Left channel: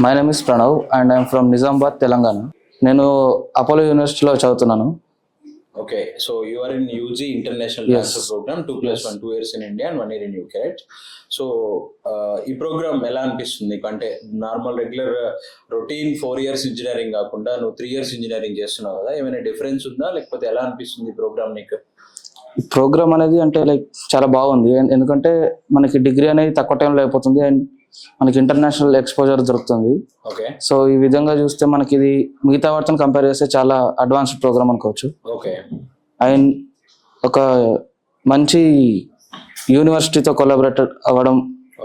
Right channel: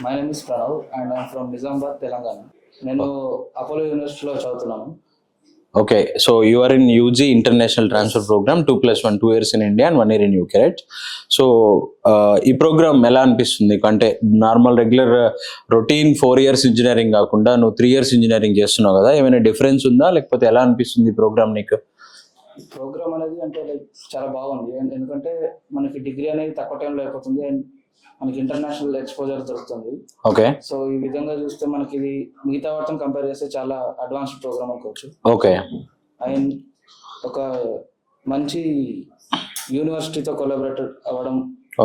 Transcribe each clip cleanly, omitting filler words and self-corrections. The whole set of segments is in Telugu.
My name is Pranav and I'm from Nizamabad, Telangana. నేను అపోలో యూనివర్సిటీలో చదువుతున్నాను. Okay, so you are in UG International Yes. Transfer Program, 2+1, 2 years in India and 1 year in UK, right? So, ఈ ప్రోగ్రామ్ ఎలా అనిపిస్తుంది? అంటే normal regular routine 4 years engineering కాకుండా నువ్వు 3 years ఇంజనీరింగ్ చేస్తున్నావు కదా, ఏమైనా డిఫరెన్స్ ఉందా లేకపోతే ఎలా అనిపిస్తుంది ఈ ప్రోగ్రామ్ నీకు? ఈ ప్రోగ్రామ్ అనేది అంటే లైక్ చాలా బాగుంది. ఎందుకంటే మనకి డిగ్రీ అనేది తక్కువ టైంలో అయిపోతుంది అండ్ మనకి ఇంటర్నేషనల్ ఎక్స్పోజర్ దొరుకుతుంది. ఓకే సో ఈ విధంగా చూస్తే మనకి ఇది మిగతా వాటితో కంపేర్ చేస్తే చాలా అడ్వాన్స్డ్ ప్రోగ్రామ్ అనుకోవచ్చు. ఓకే అండ్ ఒక మంచి యూనివర్సిటీతో కొలాబరేటెడ్ అవ్వడం,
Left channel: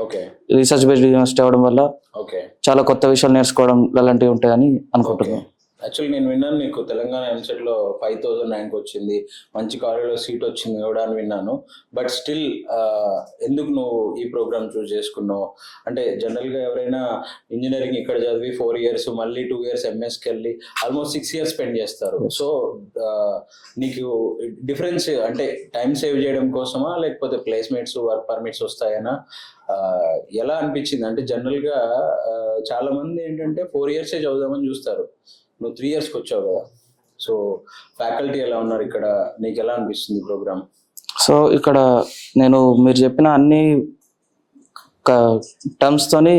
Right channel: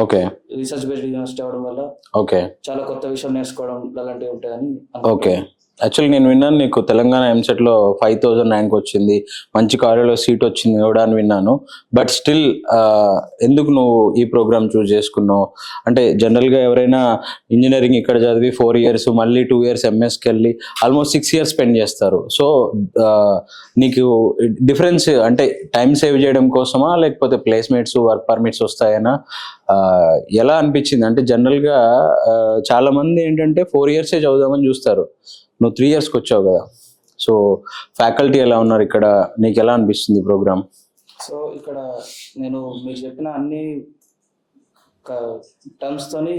ఓకే రీసెర్చ్ బేస్డ్ యూనివర్సిటీ అవ్వడం వల్ల ఓకే చాలా కొత్త విషయాలు నేర్చుకోవడం అలాంటివి ఉంటాయని ఓకే అనుకుంటున్నాను. యాక్చువల్లీ నేను విన్నాను నీకు తెలంగాణ ఎంసెట్లో 5,000 ర్యాంక్ వచ్చింది, మంచి కాలేజ్లో సీట్ వచ్చింది కూడా అని విన్నాను. బట్ స్టిల్ ఎందుకు నువ్వు ఈ ప్రోగ్రామ్ చూస్ చేసుకున్నావు? అంటే జనరల్గా ఎవరైనా ఇంజనీరింగ్ ఇక్కడ చదివి 4 years మళ్ళీ 2 years ఎంఎస్కి వెళ్ళి ఆల్మోస్ట్ 6 years స్పెండ్ చేస్తారు. సో నీకు డిఫరెన్స్ అంటే టైం సేవ్ చేయడం కోసమా లేకపోతే ప్లేస్మెంట్స్ వర్క్ పర్మిట్స్ వస్తాయనా? ఎలా అనిపించింది? అంటే జనరల్గా చాలామంది ఏంటంటే 4 years చదువుదామని చూస్తారు, నువ్వు 3 yearsకి వచ్చావు కదా. సో ఫ్యాకల్టీ ఎలా ఉన్నారు ఇక్కడ, నీకు ఎలా అనిపిస్తుంది ప్రోగ్రామ్? సో ఇక్కడ నేను మీరు చెప్పిన అన్ని టర్మ్స్తోని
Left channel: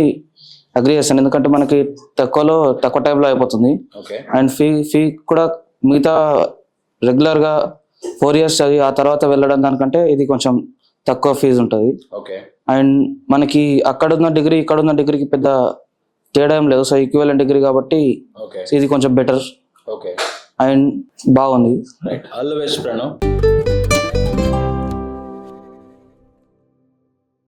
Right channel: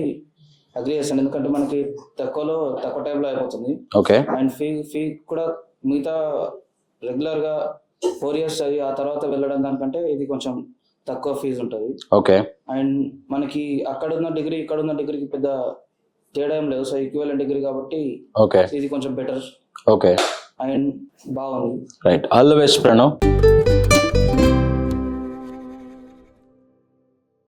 అగ్రి చేస్తాను. ఎందుకంటే మనకి తక్కువ టైంలో అయిపోతుంది ఓకే అండ్ ఫీ కూడా మిగతా రెగ్యులర్గా 4 years చదివి ఆ తర్వాత వెళ్ళడం దానికంటే ఇది కొంచెం తక్కువ ఫీజు ఉంటుంది. ఓకే అండ్ మనకి అక్కడున్న డిగ్రీ ఇక్కడున్న డిగ్రీకి పెద్ద తేడా ఏం లేదు. సో ఈక్వలెంట్ డిగ్రీ కాబట్టి ఓకే ఇది కొంచెం బెటర్ ఓకే అండ్ బాగుంది. Right, all the best Pranav.